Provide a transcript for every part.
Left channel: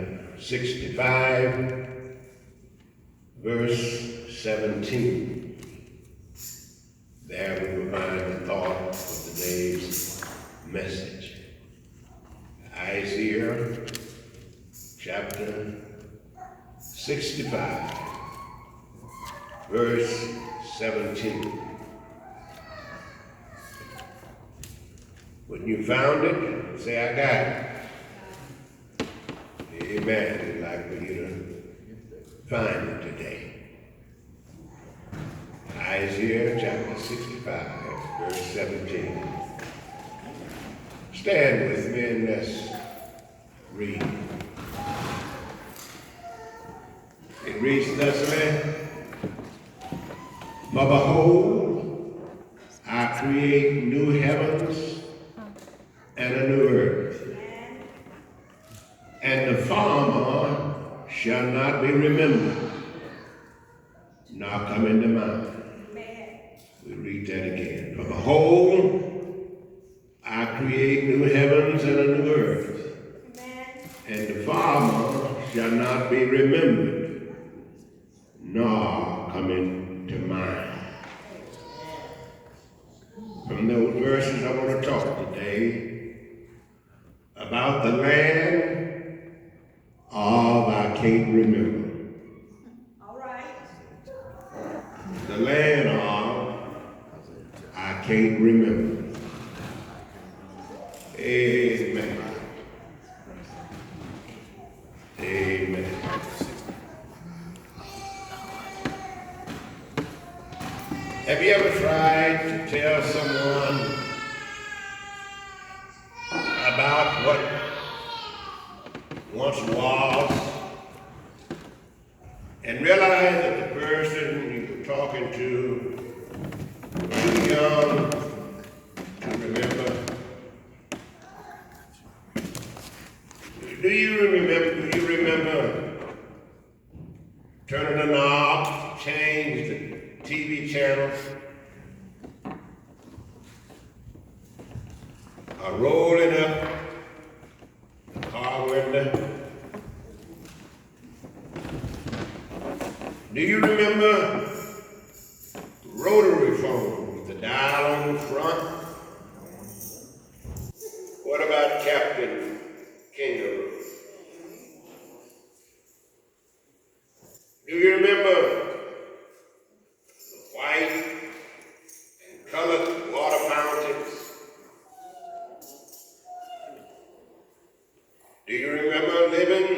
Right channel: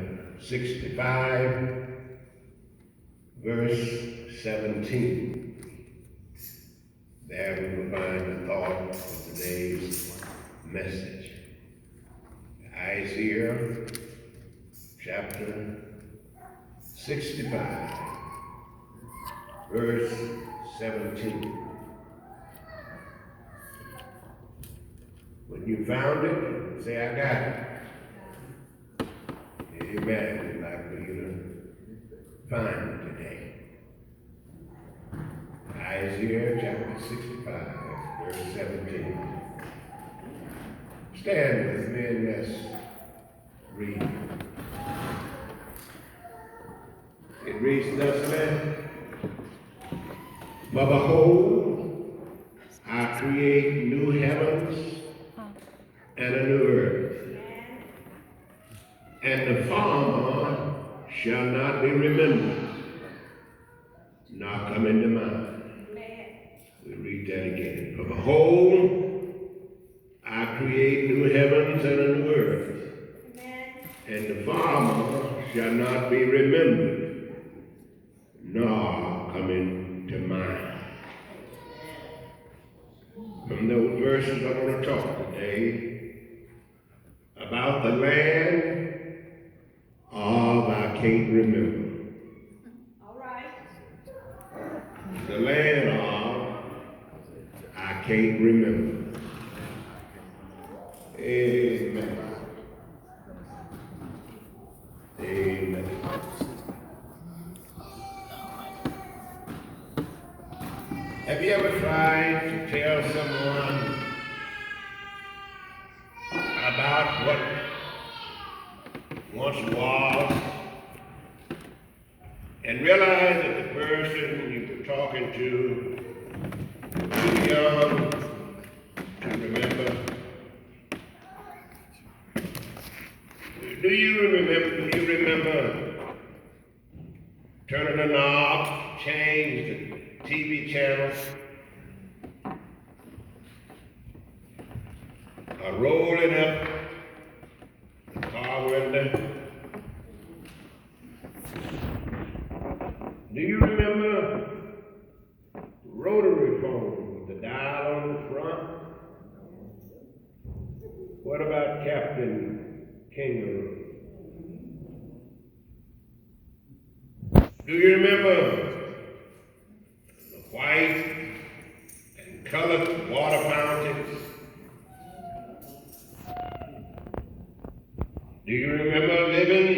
65, verse 17. There we will find the thought of today's message. Isaiah chapter 65, verse 17. When you found it, say, I got it. Amen. We'd like for you to find it today. Isaiah chapter 65, verse 17. Stand with me and let's read. It reads thusly, For behold, I create new heavens and a new earth, and the former shall not be remembered, nor come into mind. We read that again. For behold, I create new heavens and a new earth, and the former shall not be remembered, nor come into mind. From those verses I want to talk today about the land of I can't remember. All right. The land of I can't remember. Amen. Amen. Have you ever tried to tell someone about what once was and realize that the person you were talking to was too young to remember? Do you remember turning a knob, change the TV channel, or rolling up the car window? Do you remember rotary phone with the dial on the front? What about Captain Kangaroo? Do you remember the white and colored water fountains? Do you remember living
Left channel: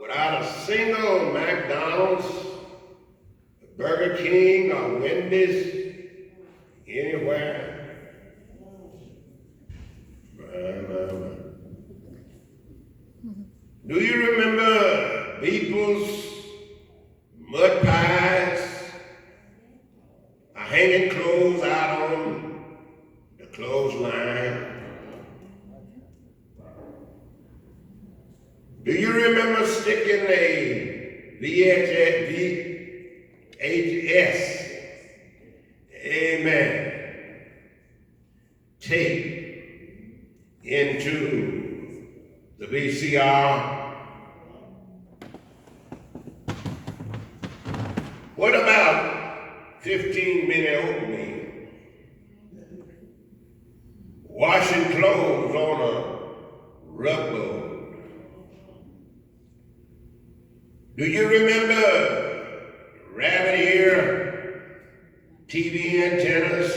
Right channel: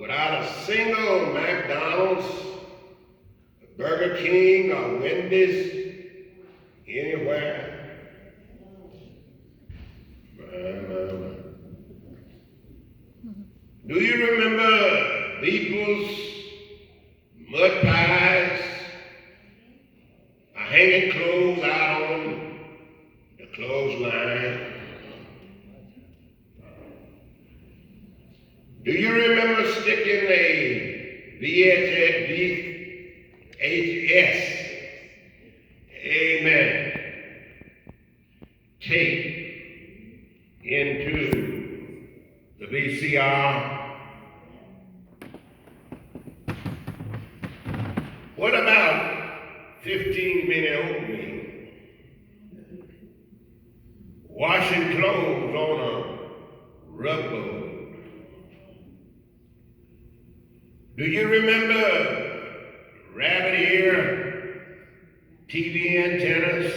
without a single McDonald's, Burger King, or Wendy's anywhere? Do you remember Beeple's mud pies, hanging clothes out on the clothesline? Do you remember sticking a VHS, amen, tape into the VCR? What about 15-minute oatmeal? Washing clothes on a rugboard? Do you remember rabbit ear TV antennas,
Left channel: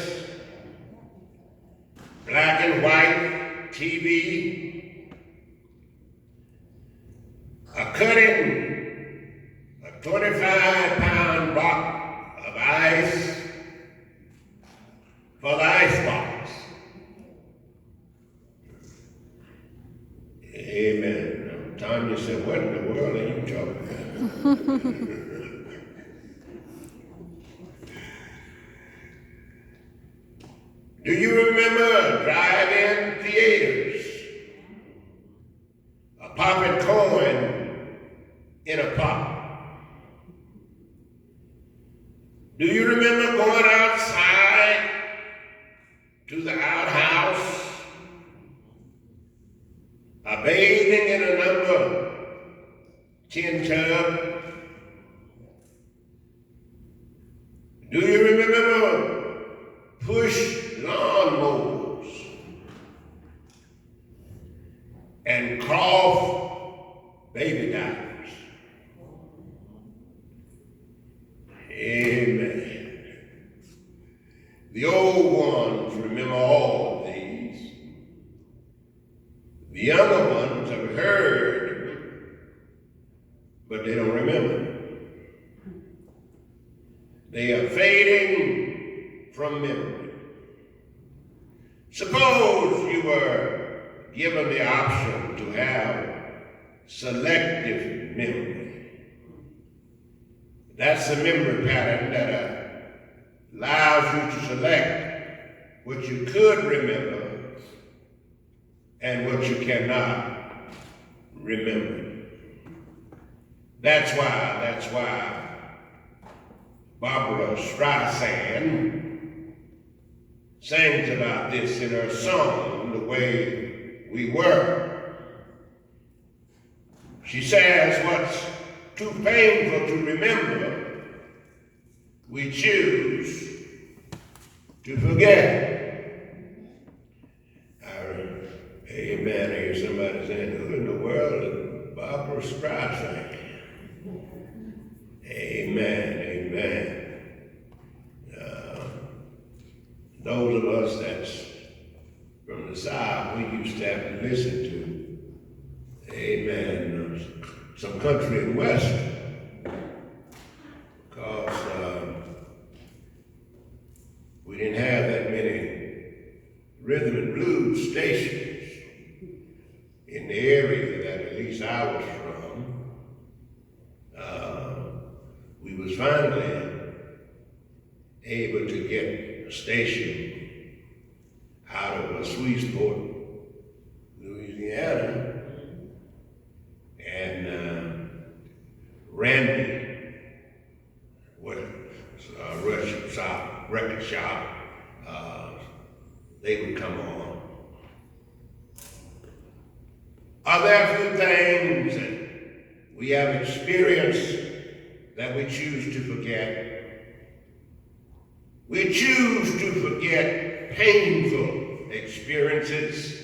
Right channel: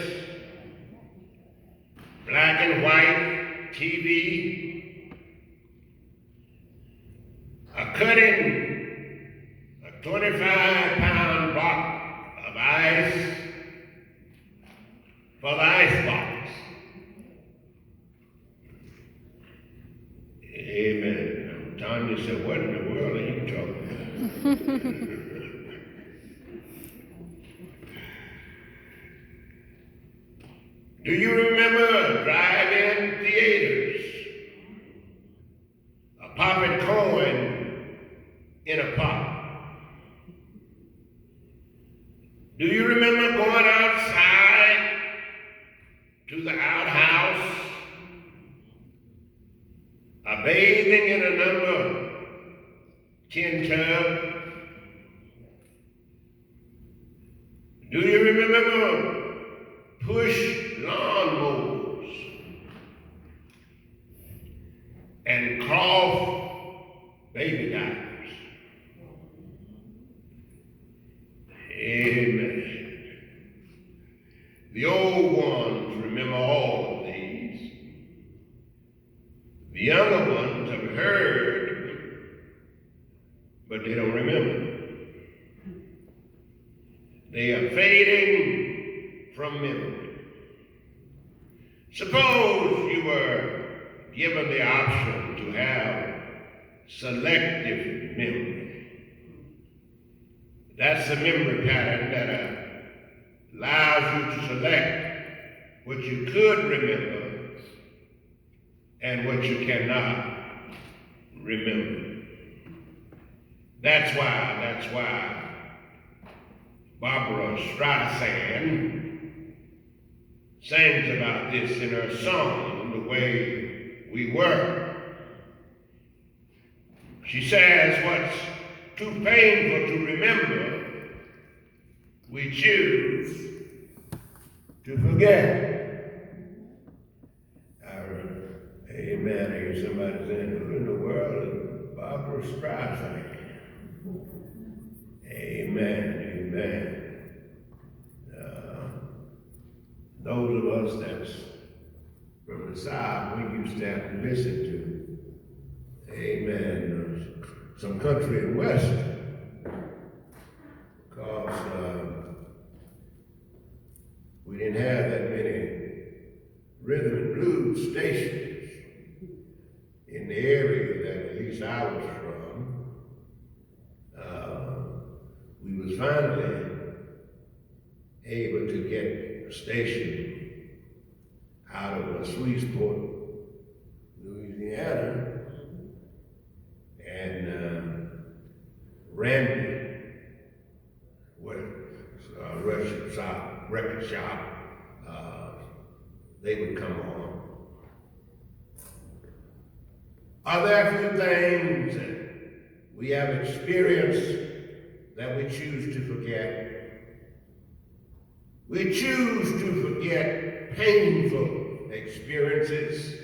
black and white TV, cutting a 25-pound box of ice for the icebox? Amen. Tanya said, what in the world are you talking about? Do you remember drive-in theaters? A popping corn in a pot? Do you remember going outside to the outhouse, bathing in a number tin tub? Do you remember push lawnmowers and cloth baby diapers? Amen. The old ones remember all of these. The younger ones have heard, but they don't remember. They are fading from memory. Suppose you were given the option to have selective memory. That's a memory pattern that allows you to select what you could remember and what you cannot remember. That's why Barbara Streisand sings about this in her song, The Way We Were. She says, what's too painful to remember, we choose to forget. Amen. I hear somebody saying, who in the world is Barbara Streisand? Amen. Amen. Those of us that's from the South, we used to have to listen to, amen, some country and western, because we didn't have that many rhythm and blues stations in the area that at least I was from. We was finally able to get a station out of Sweetsport, Louisiana, and Randy, record shop, they would come on. Are there a few things that we have experienced that we choose to forget? We choose to forget painful experiences,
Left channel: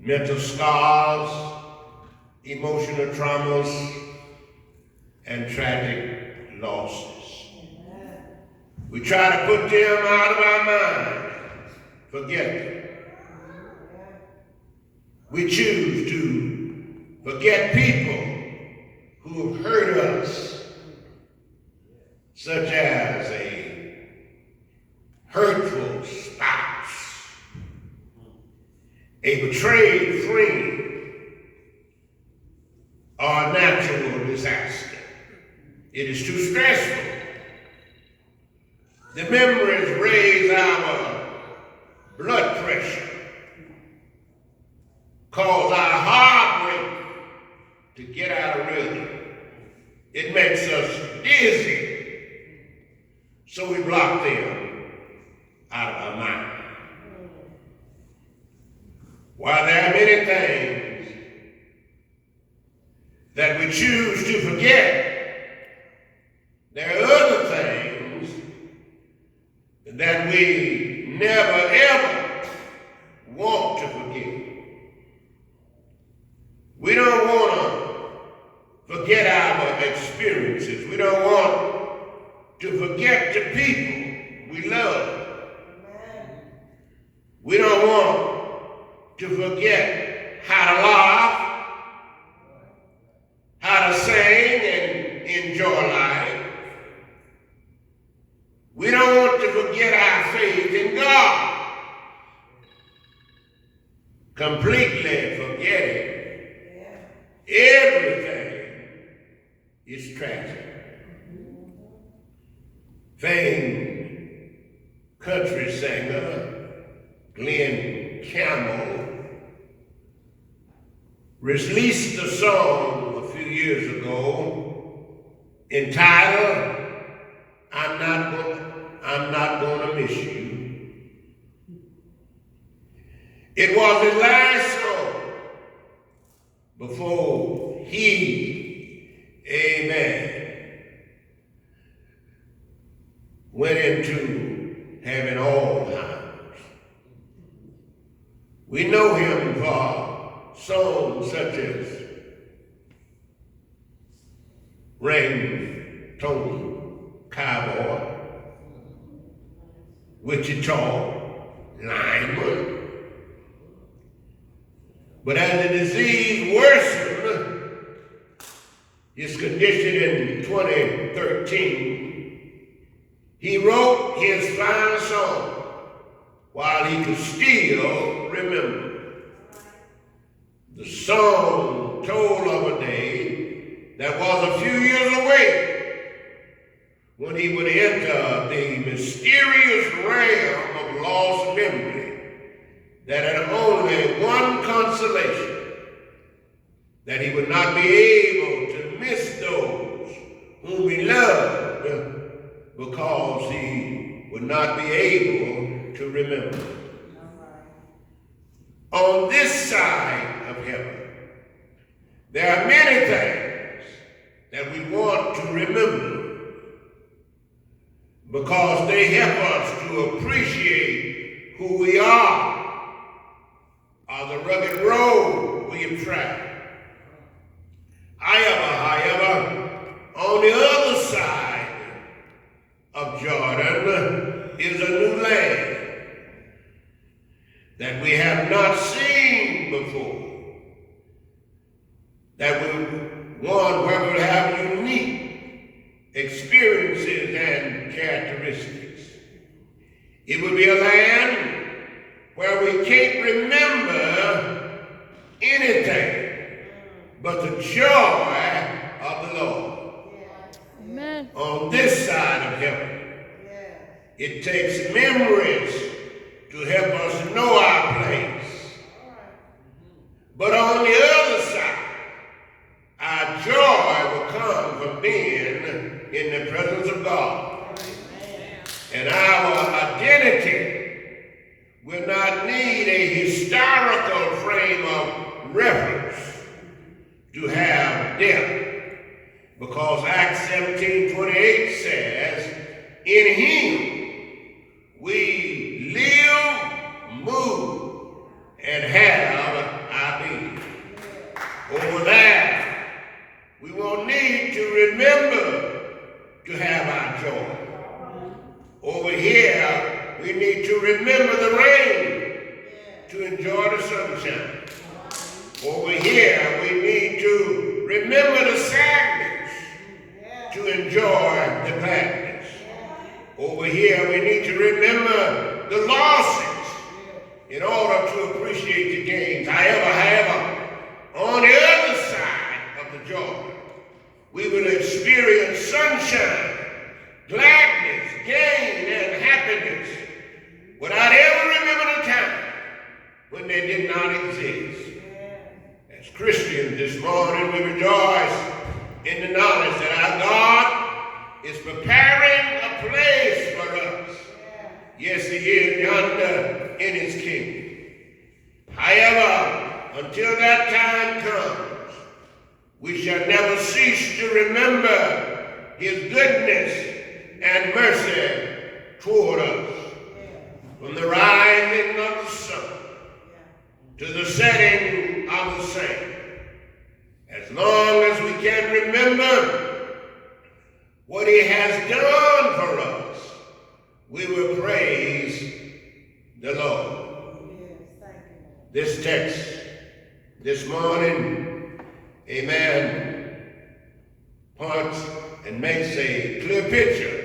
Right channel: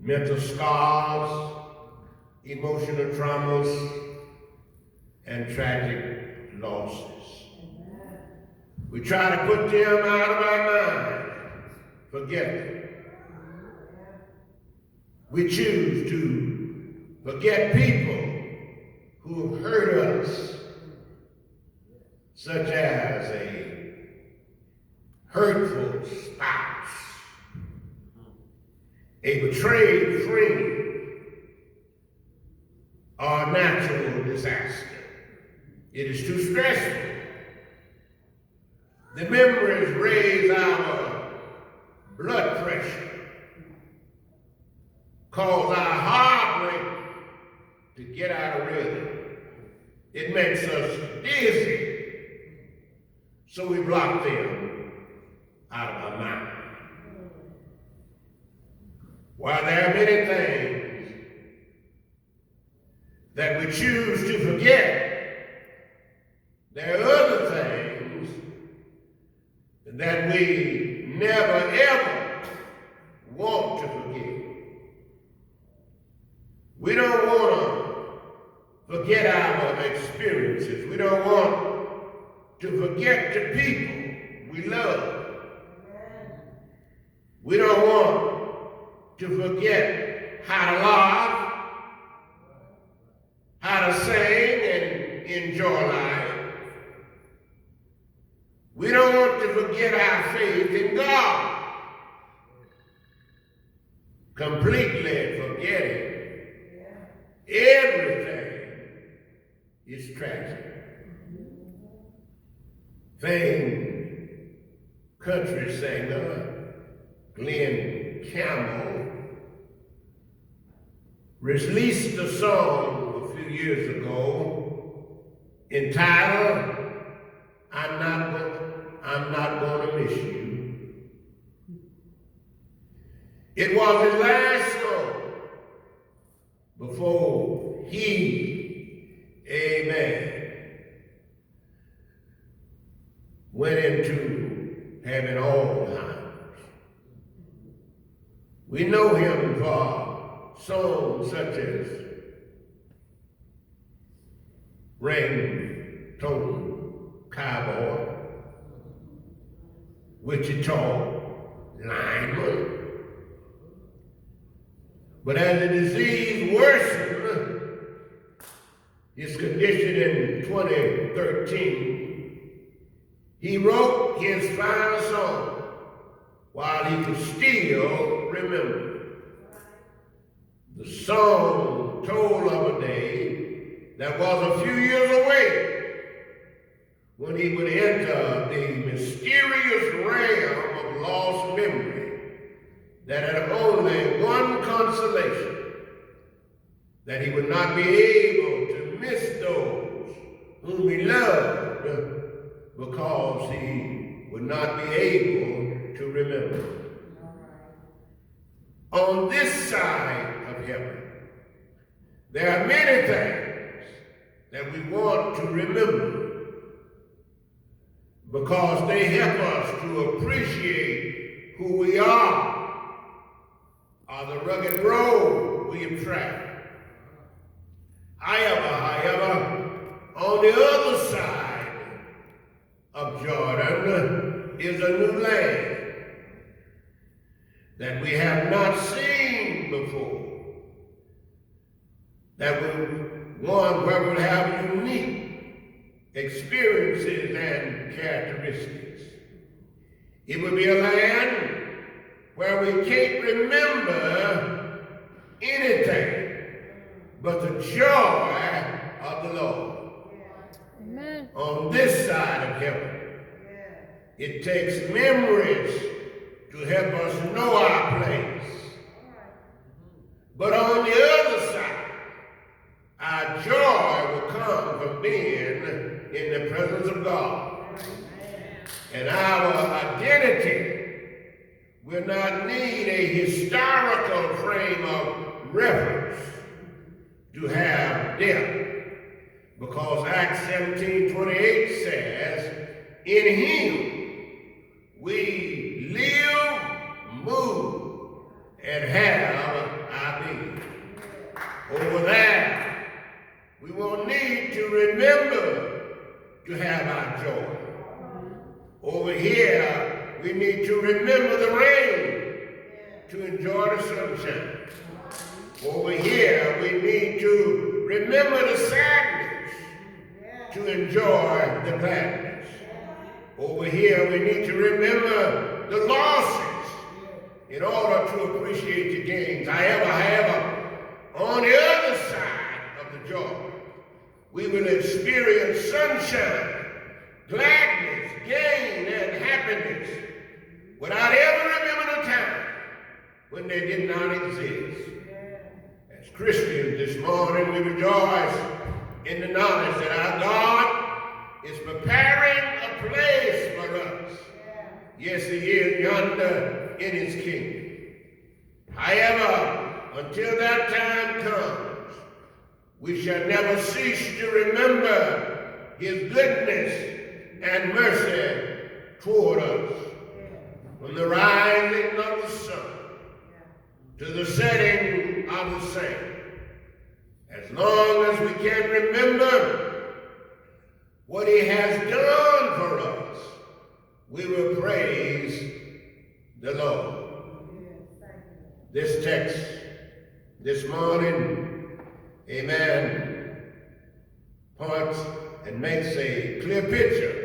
mental scars, emotional traumas, and tragic losses. We try to put them out of our mind, forget them. We choose to forget people who have hurt us, such as a hurtful spouse, a betrayed friend, or a natural disaster. It is too stressful. The memories raise our blood pressure, cause our heart rate to get out of rhythm. It makes us dizzy, so we block them out of our mind. While there are many things that we choose to forget, there are other things that we never ever want to forget. We don't want to forget our experiences. We don't want to forget the people we love. We don't want to forget how to laugh, how to sing and enjoy life. We don't want to forget our faith in God. Completely forgetting everything is tragic. Famed country singer Glenn Campbell released a song a few years ago entitled, I'm not gonna miss you. It was his last song before he went into having Alzheimer's. We know him for songs such as Ringtone Cowboy, Wichita Lineman. But as the disease worsened, his condition in 2013, he wrote his final song while he could still remember. The song told of a day that was a few years away when he would enter the mysterious realm of lost memory that had only one consolation, that he would not be able to miss those whom he loved because he would not be able to remember. On this side of heaven, there are many things that we want to remember because they help us to appreciate who we are, or the rugged road we have traveled. However, on the other side of Jordan is a new land that we have not seen before, that one where we'll have unique experiences and characteristics. It will be a land where we can't remember anything but the joy of the Lord. Amen. On this side of heaven, it takes memories to help us know our place. But on the other side, our joy will come from being in the presence of God. And our identity will not need a historical frame of reference to have depth, because Acts 17:28 says, in him we live, move, and have our being. Over there, we will need to remember to have our joy. Over here, we need to remember the rain to enjoy the sunshine. Over here, we need to remember the sadness to enjoy the gladness. Over here, we need to remember the losses in order to appreciate the gains. However, on the other side of the Jordan, we will experience sunshine, gladness, gain, and happiness without ever remembering a time when they did not exist. As Christians this morning, we rejoice in the knowledge that our God is preparing a place for us. Yes, he is yonder in his kingdom. However, until that time comes, we shall never cease to remember his goodness and mercy toward us. From the rising of the sun to the setting of the same. As long as we can remember what he has done for us, we will praise the Lord. This text this morning, amen, points and makes a clear picture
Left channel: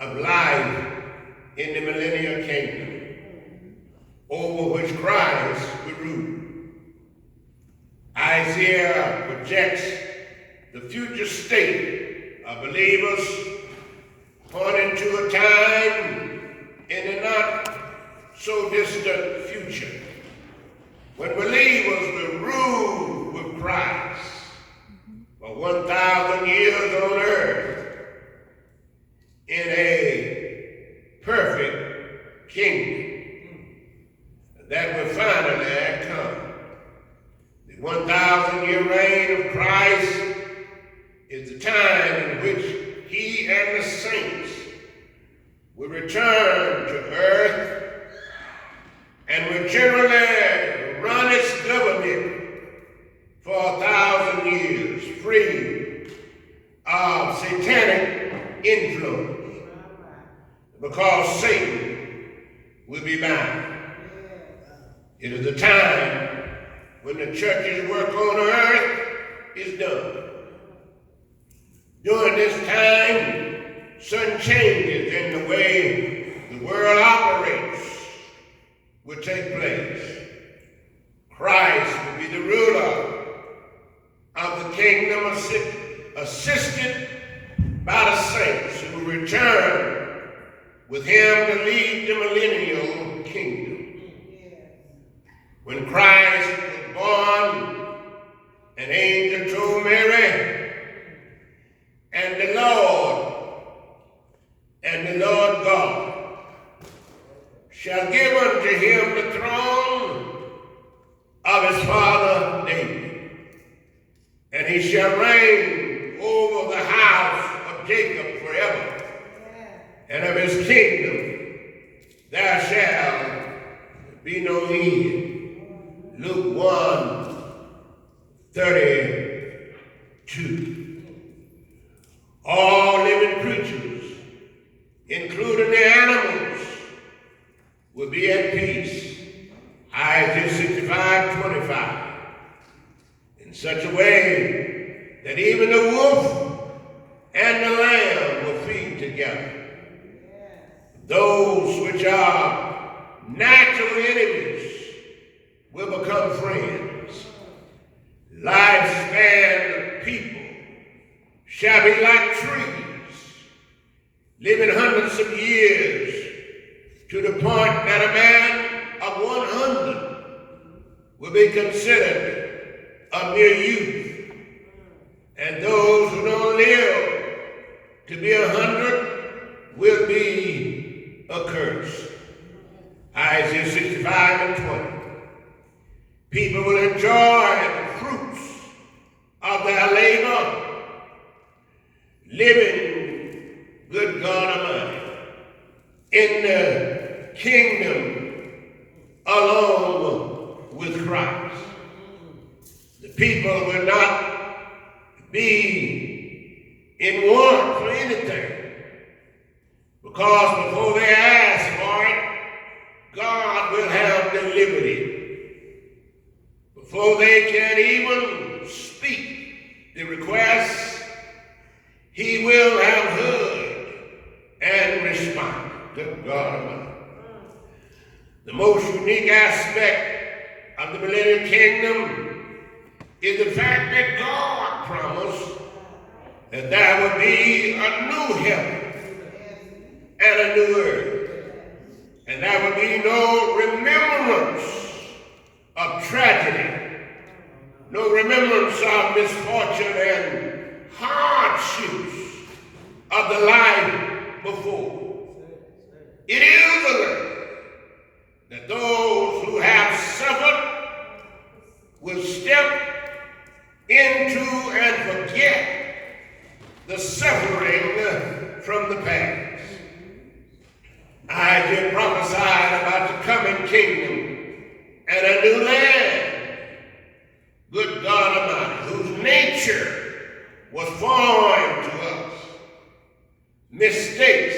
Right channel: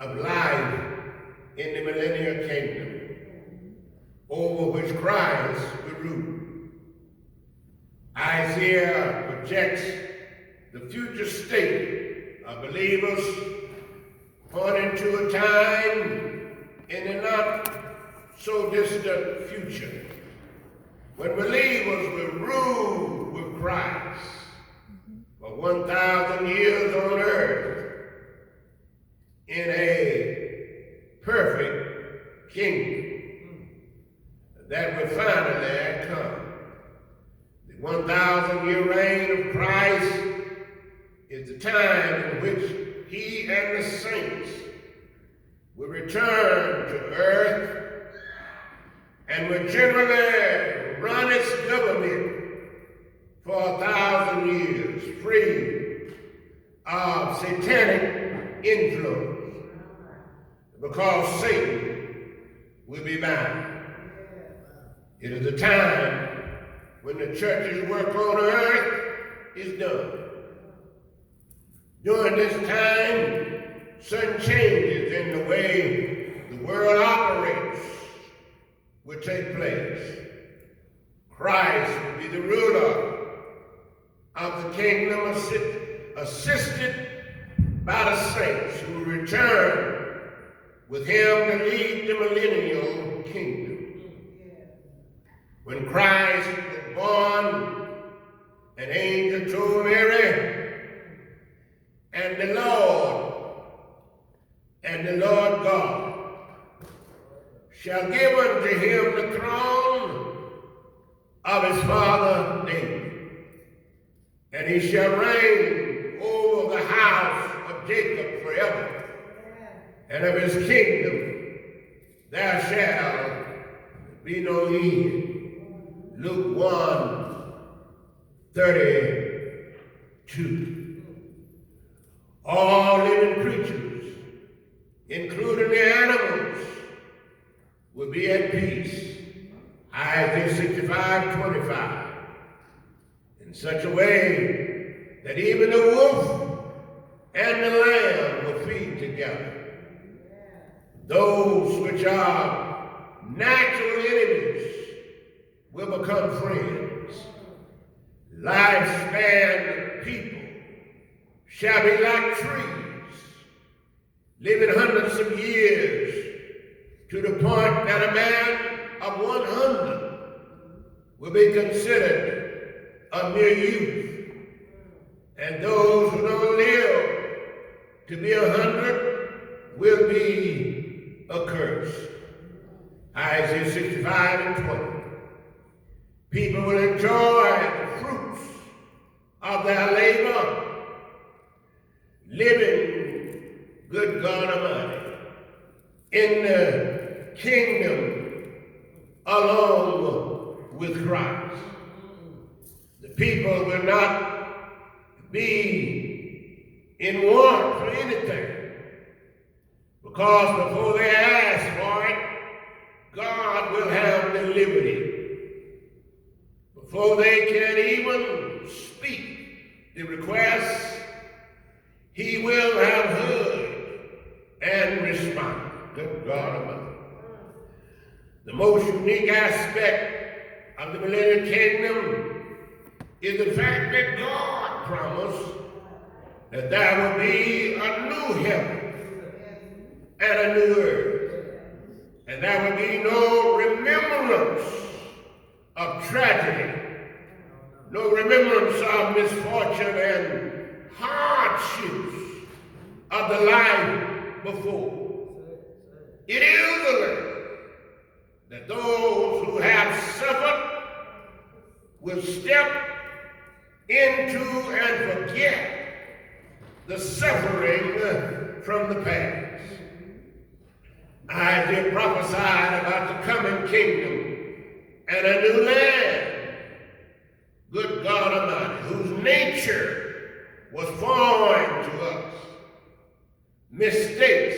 of life in the millennial kingdom, over which Christ will rule. Isaiah projects the future state of believers, pointing to a time in the not so distant future when believers will rule with Christ for 1,000 years on earth in a perfect kingdom that will finally come. The 1,000-year reign of Christ is the time in which he and the saints will return to earth and will generally run its government for 1,000 years, free of satanic influence, because Satan will be bound. It is a time when the church's work on earth is done. During this time, certain changes in the way the world operates will take place. Christ will be the ruler of the kingdom, assisted by the saints who will return with him to lead the millennial kingdom. When Christ was born, an angel told Mary, and the Lord God shall give unto him the throne of his father David, and he shall reign over the house of Jacob forever, and of his kingdom there shall be no end. Luke 1:32. All living creatures, including the animals, will be at peace. Isaiah 65:25. In such a way that even the wolf and the lamb will feed together. Those which are natural enemies will become friends. Lifespan of people shall be like trees, living hundreds of years, to the point that a man of 100 will be considered a mere youth. And those who don't live to be 100 will be accursed. Isaiah 65:20. People will enjoy the fruits of their labor, living, good God Almighty, in the kingdom along with Christ. The people will not be in want for anything, because before they ask for it, God will have delivered it. Before they can even speak the request, he will have heard and responded. Good God Almighty. The most unique aspect of the millennial kingdom is the fact that God promised that there would be a new heaven and a new earth, and there would be no remembrance of tragedy, no remembrance of misfortune and hardships of the life before. It is alert that those who have suffered will step into and forget the suffering from the past. Isaiah prophesied about the coming kingdom and a new land, good God Almighty, whose nature was foreign to us. Mistakes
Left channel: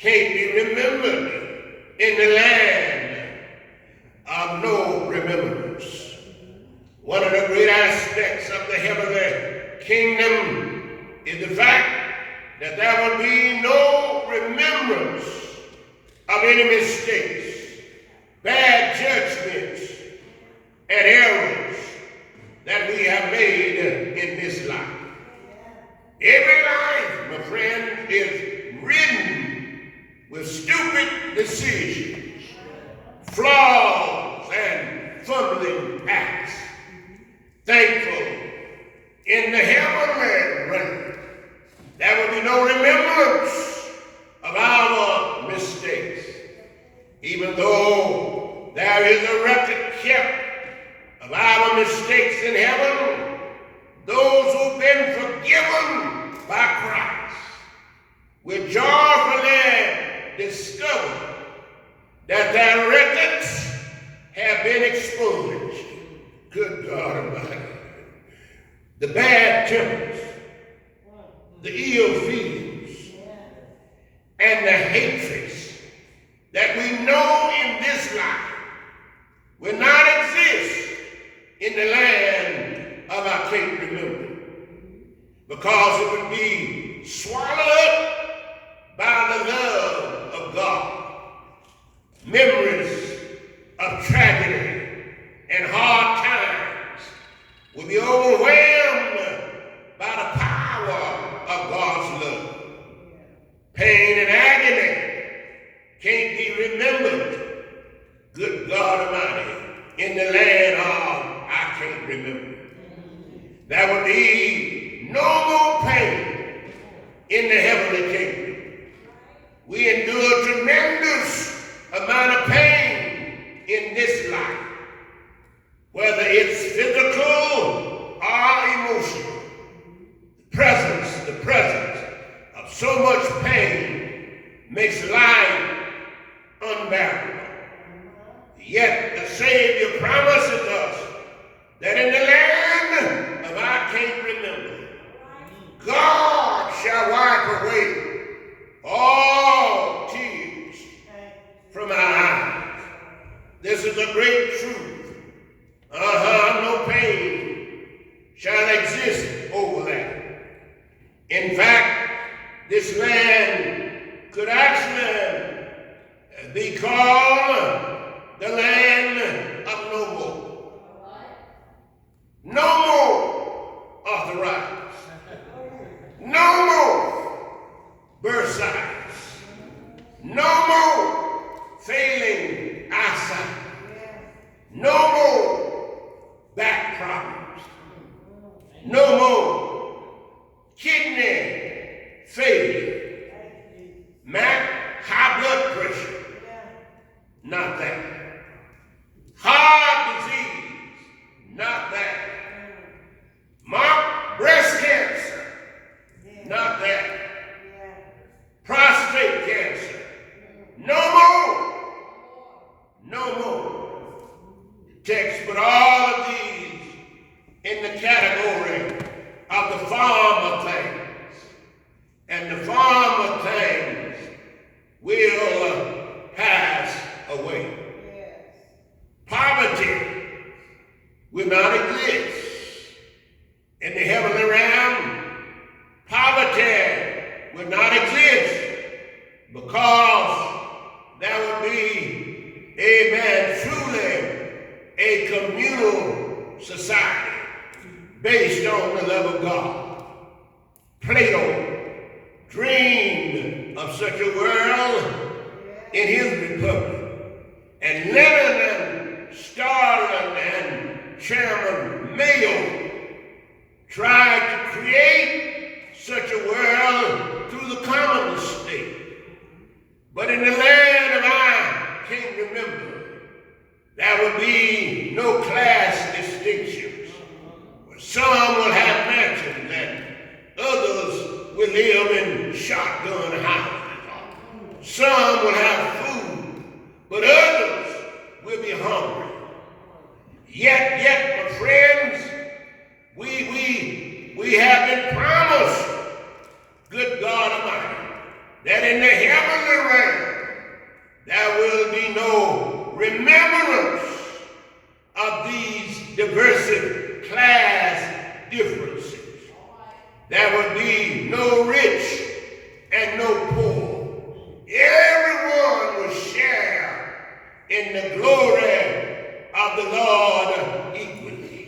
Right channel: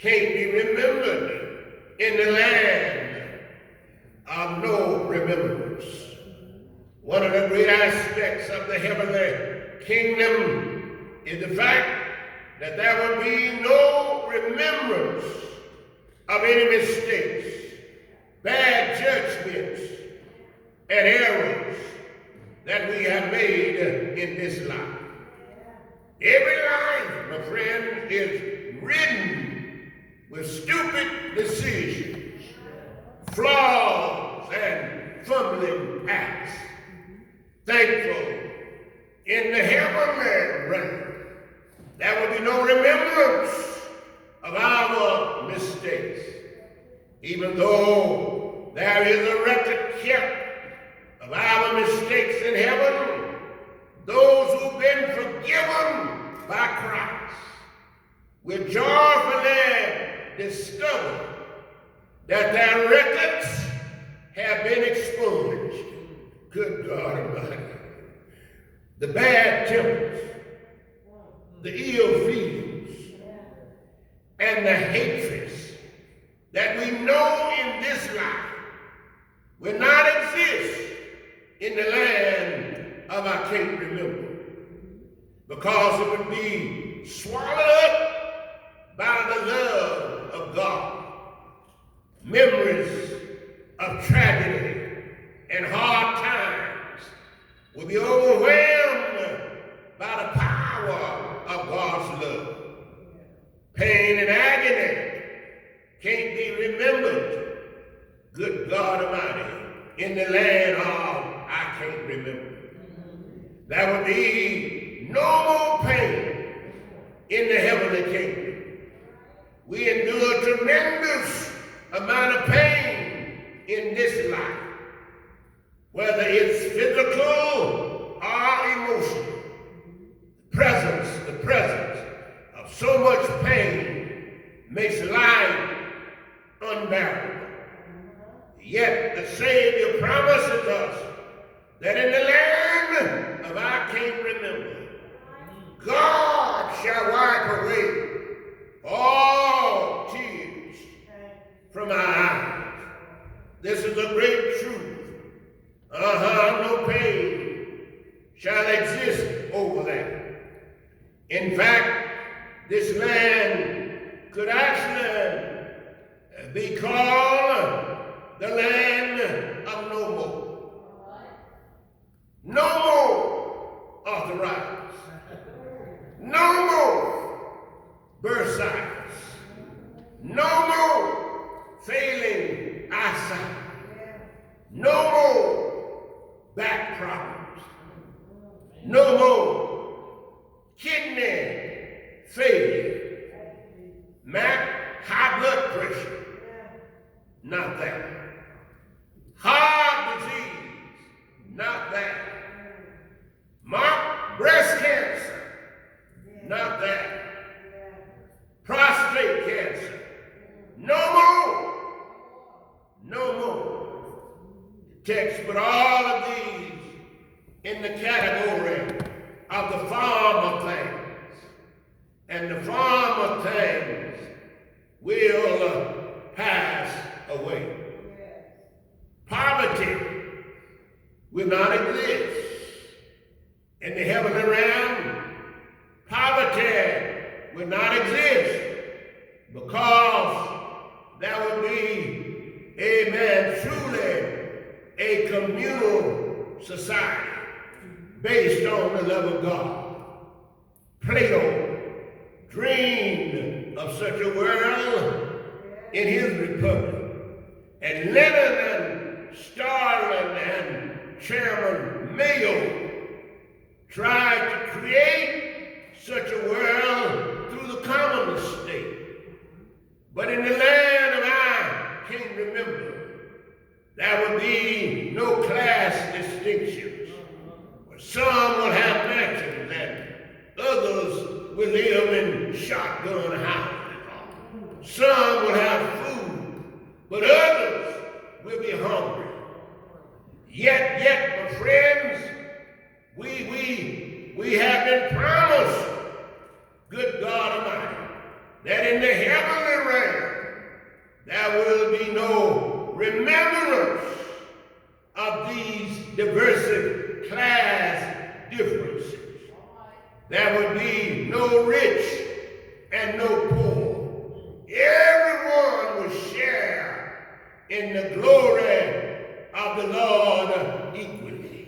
can't be remembered in the land of no remembrance. One of the great aspects of the heavenly kingdom is the fact that there will be no remembrance of any mistakes, bad judgments, and errors that we have made in this life. Every life, my friend, is ridden with stupid decisions, flaws, and fumbling acts. Thankful, in the heavenly realm, there will be no remembrance of our mistakes. Even though there is a record kept of our mistakes in heaven, those who've been forgiven by Christ will joyfully discovered that their records have been exposed. Good God Almighty. The bad tempers, the ill feelings, and the hatreds that we know in this life will not exist in the land of I can't remember, because it would be swallowed up by the love of God. Memories of tragedy and hard times will be overwhelmed by the power of God's love. Pain and agony can't be remembered, good God Almighty, in the land of I can't remember. There will be no more pain in the heavenly kingdom. We endure a tremendous amount of pain in this life, whether it's physical or emotional. The presence of so much pain makes life unbearable. Yet the Savior promises us that in the land of I can't remember, God shall wipe away all tears from our eyes. This is a great truth. No pain shall exist over that. In fact, this land could actually be called the land of no more. No more arthritis. No more bursitis. No more failing eyesight. No more back problems. No more kidney failure. Mack, high blood pressure. Not that. Heart disease. Not that. Mark, breast cancer. Not that. Prostate cancer. No more. No more. Text, but all of these in the category of the form of things. And the form of things will pass away. Poverty will not exist in the heavenly realm. Poverty will not exist because there will be, amen, truly a communal society based on the love of God. Plato dreamed of such a world in his republic. And Lenin and Stalin and Chairman Mayo tried to create such a world through the communist state. But in the land of I can't remember, there will be no class distinctions. Some will have mansions and others will live in shotgun houses. Some will have food, but others will be hungry. Yet, my friends, we have been promised, good God Almighty, that in the heavenly realm there will be no remembrance of these diverse class differences. There will be no rich and no poor. Everyone will share in the glory of the Lord equally.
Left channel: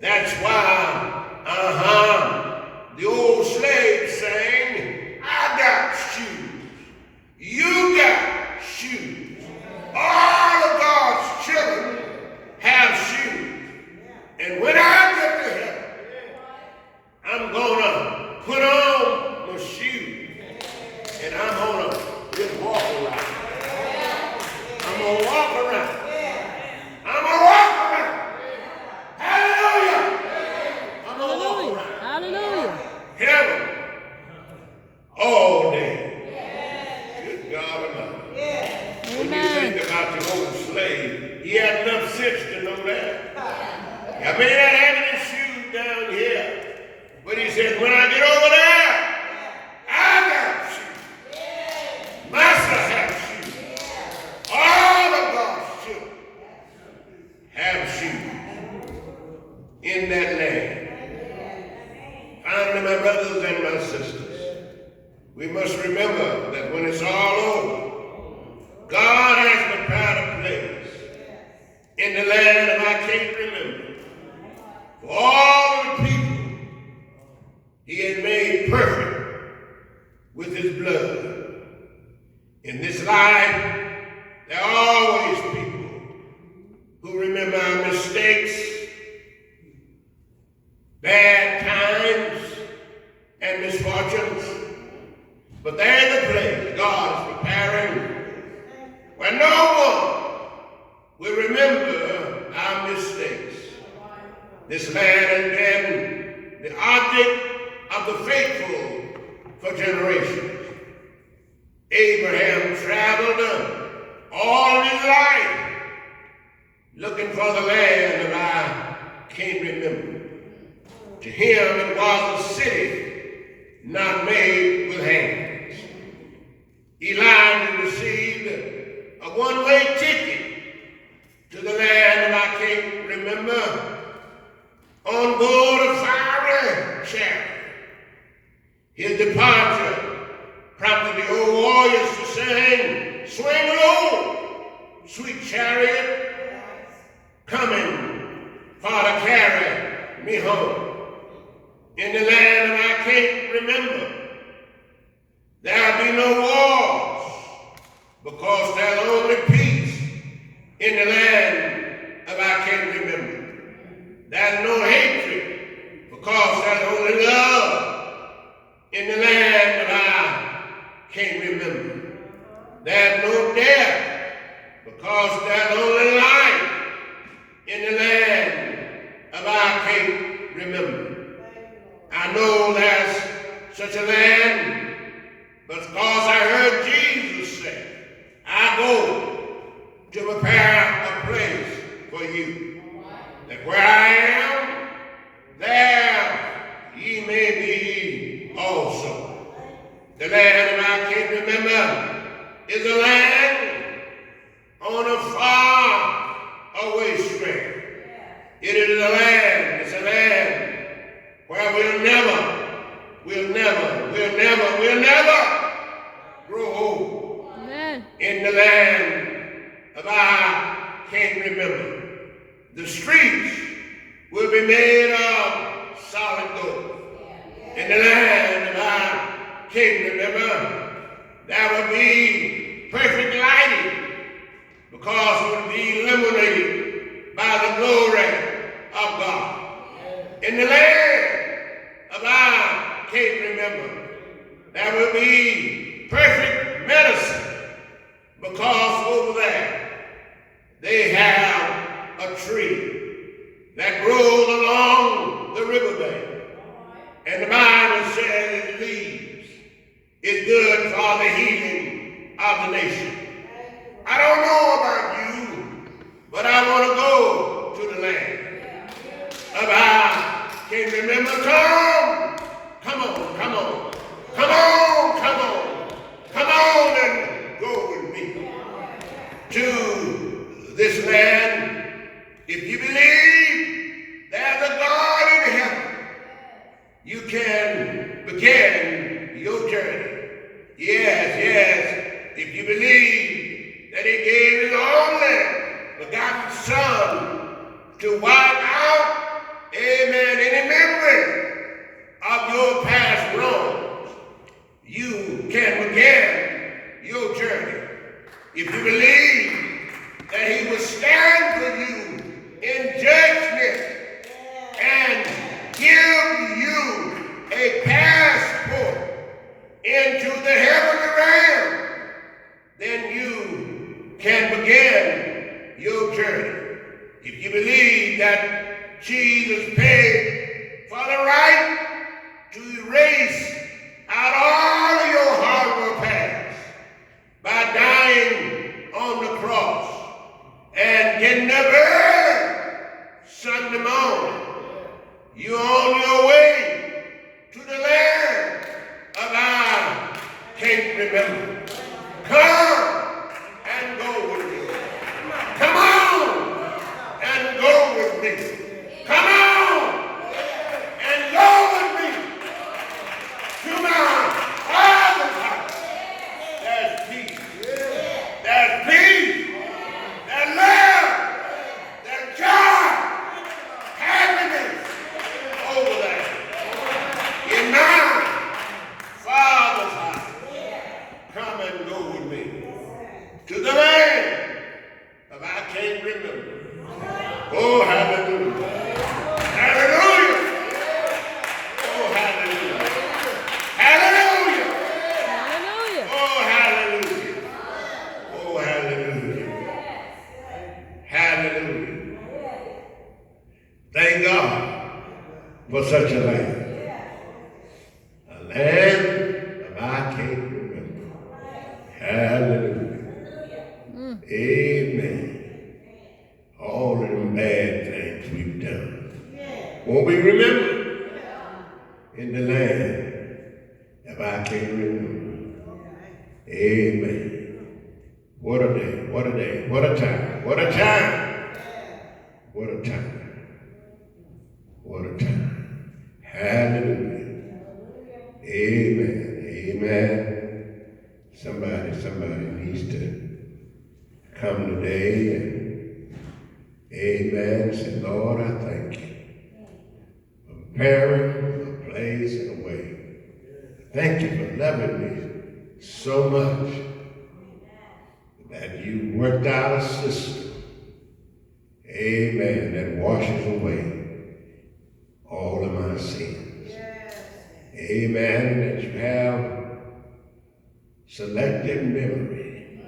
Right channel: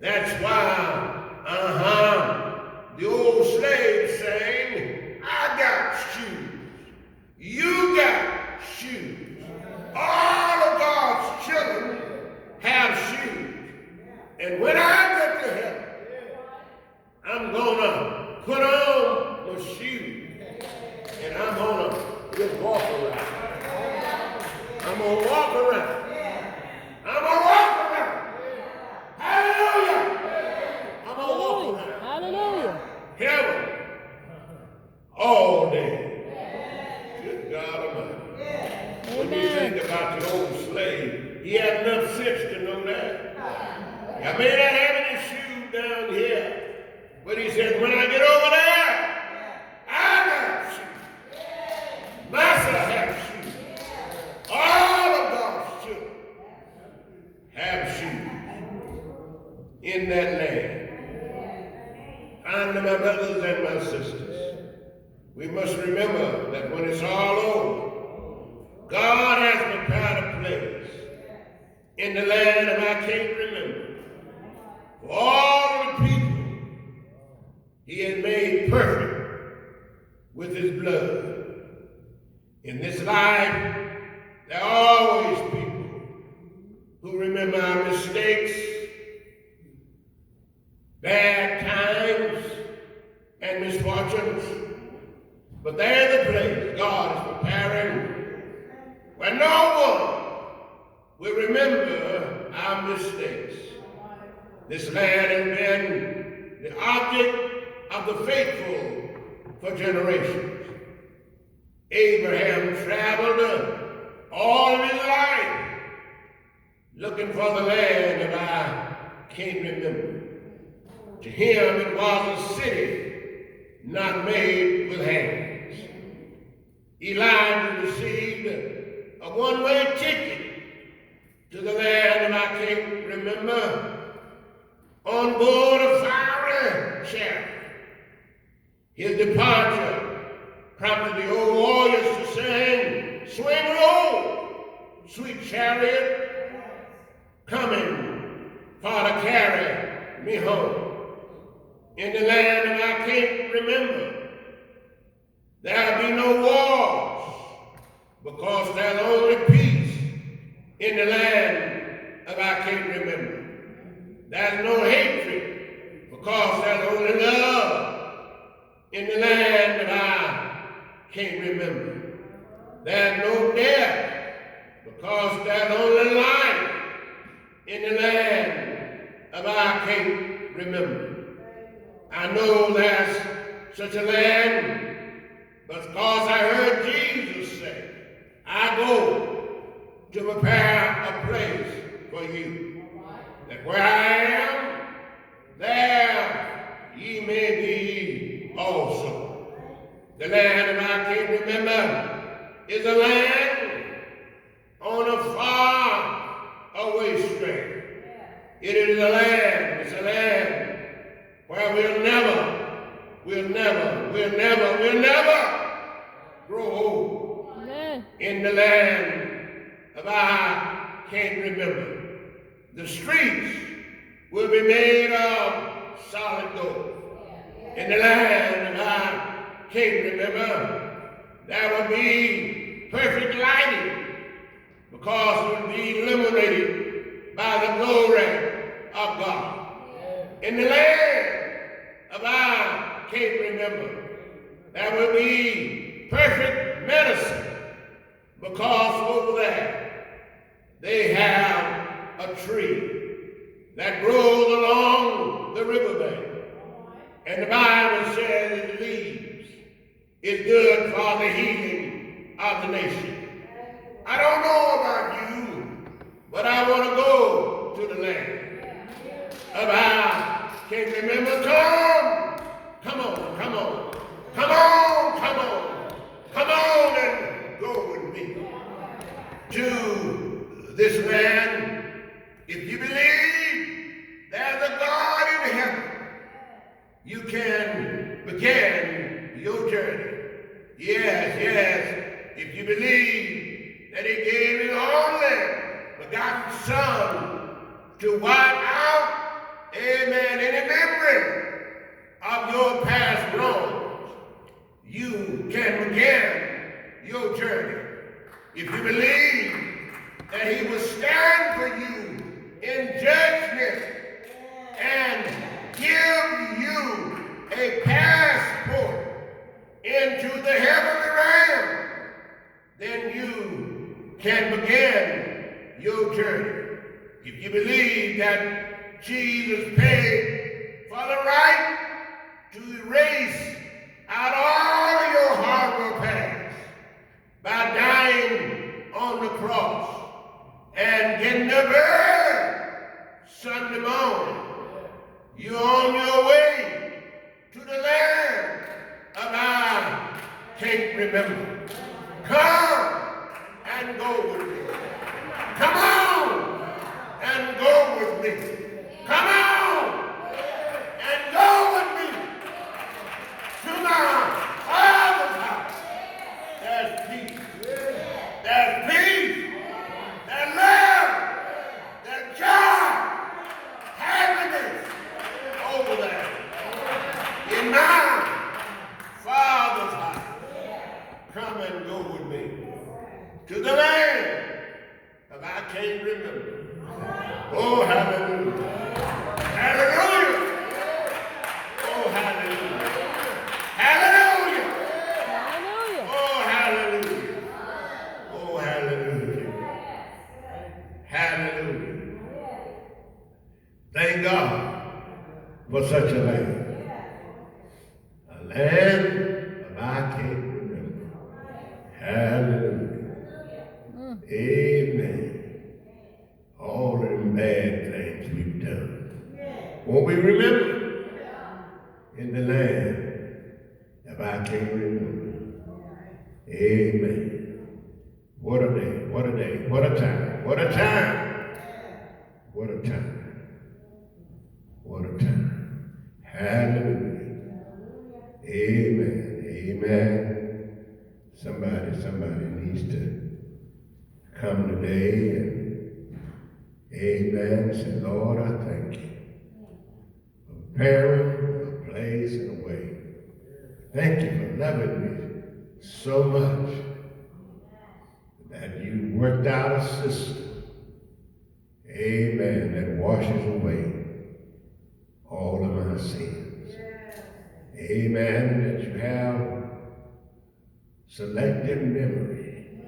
That's why, the old slave saying, I got shoes, you got shoes. All of God's children have shoes. And when I get to heaven, I'm gonna put on my shoes and I'm gonna just walk around. I'm gonna walk around. I'm gonna walk around. Hallelujah. I'm gonna walk around. Hallelujah. Heaven all day. Good God But he said, when I get over there, I got sheep. Master has sheep. All of God's children have sheep in that land. Finally, my brothers and my sisters, we must remember that when it's all over, God has prepared a place in the land of I can't remember for all the people he had made perfect with his blood. In this life, there are always people who remember our mistakes, bad times, and misfortunes. But there's a place God is preparing where no one will remember our mistakes. This land has been the object of the faithful for generations. Abraham traveled all his life looking for the land of I can't remember. To him it was a city not made with hands. Elijah received a one-way ticket to the land of I can't remember on board a fiery chariot. His departure prompted the old warriors to sing, swing low, sweet chariot, coming for to carry me home. In the land of I can't remember, there'll be no wars, because there's only peace in the land of I can't remember. There's no hatred, because there's only love in the land of I can't remember. There's no death, because there's only life in the land of I can't remember. I know there's such a land, but because I heard Jesus say, I go to prepare a place for you, that where I am, there ye may be also. The land of I can't remember is a land on a far away strand. It is a land, it's a land where we'll never grow old. Amen. In the land of I can't remember. The streets will be made of solid gold. In the land of I can't remember, there will be perfect lighting, because it will be illuminated by the glory of God. In the land of I can't remember, there will be perfect medicine, because over there they have a tree that grows along the riverbank. And the Bible says its leaves is good for the healing of the nation. I don't know about you, but I want to go to the land of I can't remember. Come on and go with me to this land. If you believe there's a God in heaven, you can begin your journey. Yes, if you believe that he gave his only begotten Son to wipe out, amen, any memory of your past wrongs, you can begin your journey. If you believe that he will stand for you in judgment and give you a passport into the heavenly realm, then you can begin your journey. If you believe that Jesus paid for the right to erase out all of your horrible past by dying on the cross and getting up early Sunday morning, you're on your way for such a land. A land of I can't remember. Hallelujah. Amen. All of them bad things we've done. Won't we remember in the land of I can't remember. Amen. What a day, what a day, what a time, what a time, what a time, what a time. Hallelujah. Amen, amen. Somebody needs to come today and amen, say, Lord, I thank you for preparing a place and a way. Thank you for loving me so much that you worked out a system, amen, that washes away all of my sins. Amen, that you have selected memory,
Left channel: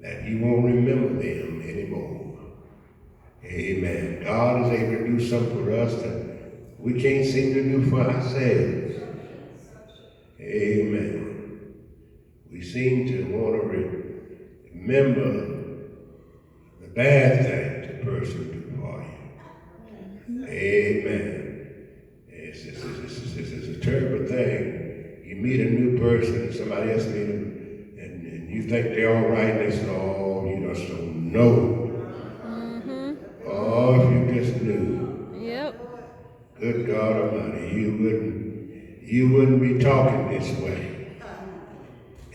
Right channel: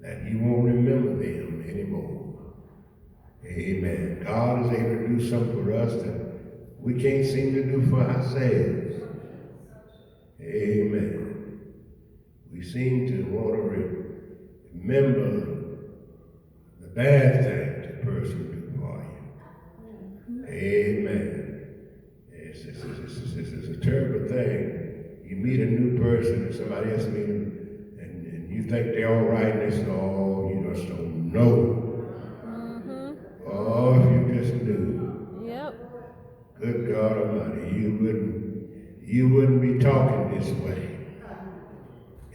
that you won't remember them anymore. Amen. God is able to do something for us that we can't seem to do for ourselves. Amen. We seem to want to remember the bad things the person did for you. Amen. It's a terrible thing. You meet a new person, somebody else meet them, and you think they're all right, and they say, oh, you just don't know. Oh, if you just knew. Yep. Good God Almighty, you wouldn't be talking this way.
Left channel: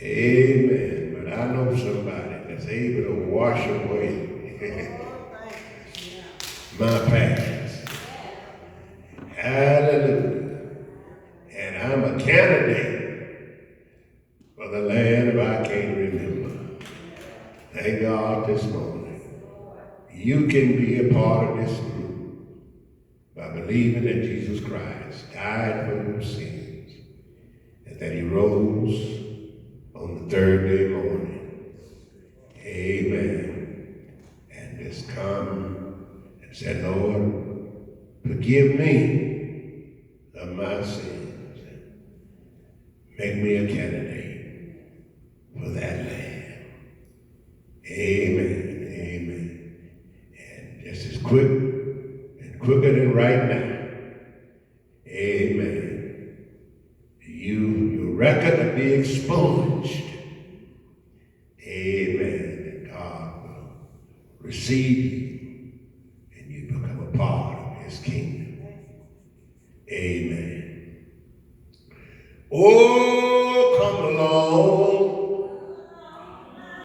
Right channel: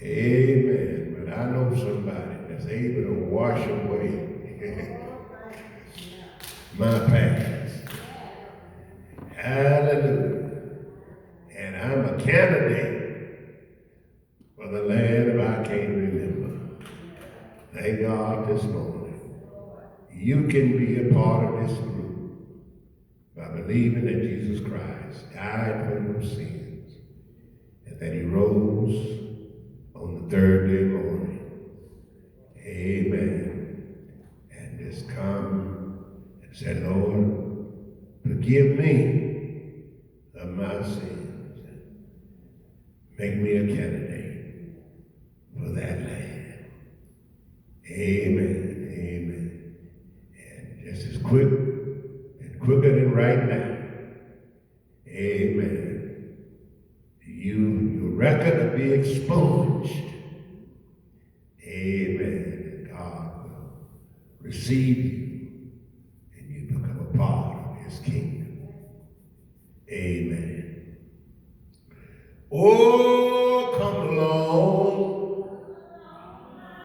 Amen. But I know somebody that's able to wash away my past. Hallelujah. And I'm a candidate for the land of I can't remember. Thank God this morning. You can be a part of this group by believing that Jesus Christ died for your sins and that he rose on the third day morning. Amen. And just come and say, Lord, forgive me of my sins. Make me a candidate for that land. Amen. Amen. And just as quick and quicker than right now. Amen. Your record will be exposed. Amen. And God will receive you and you become a part of his kingdom. Amen. Oh,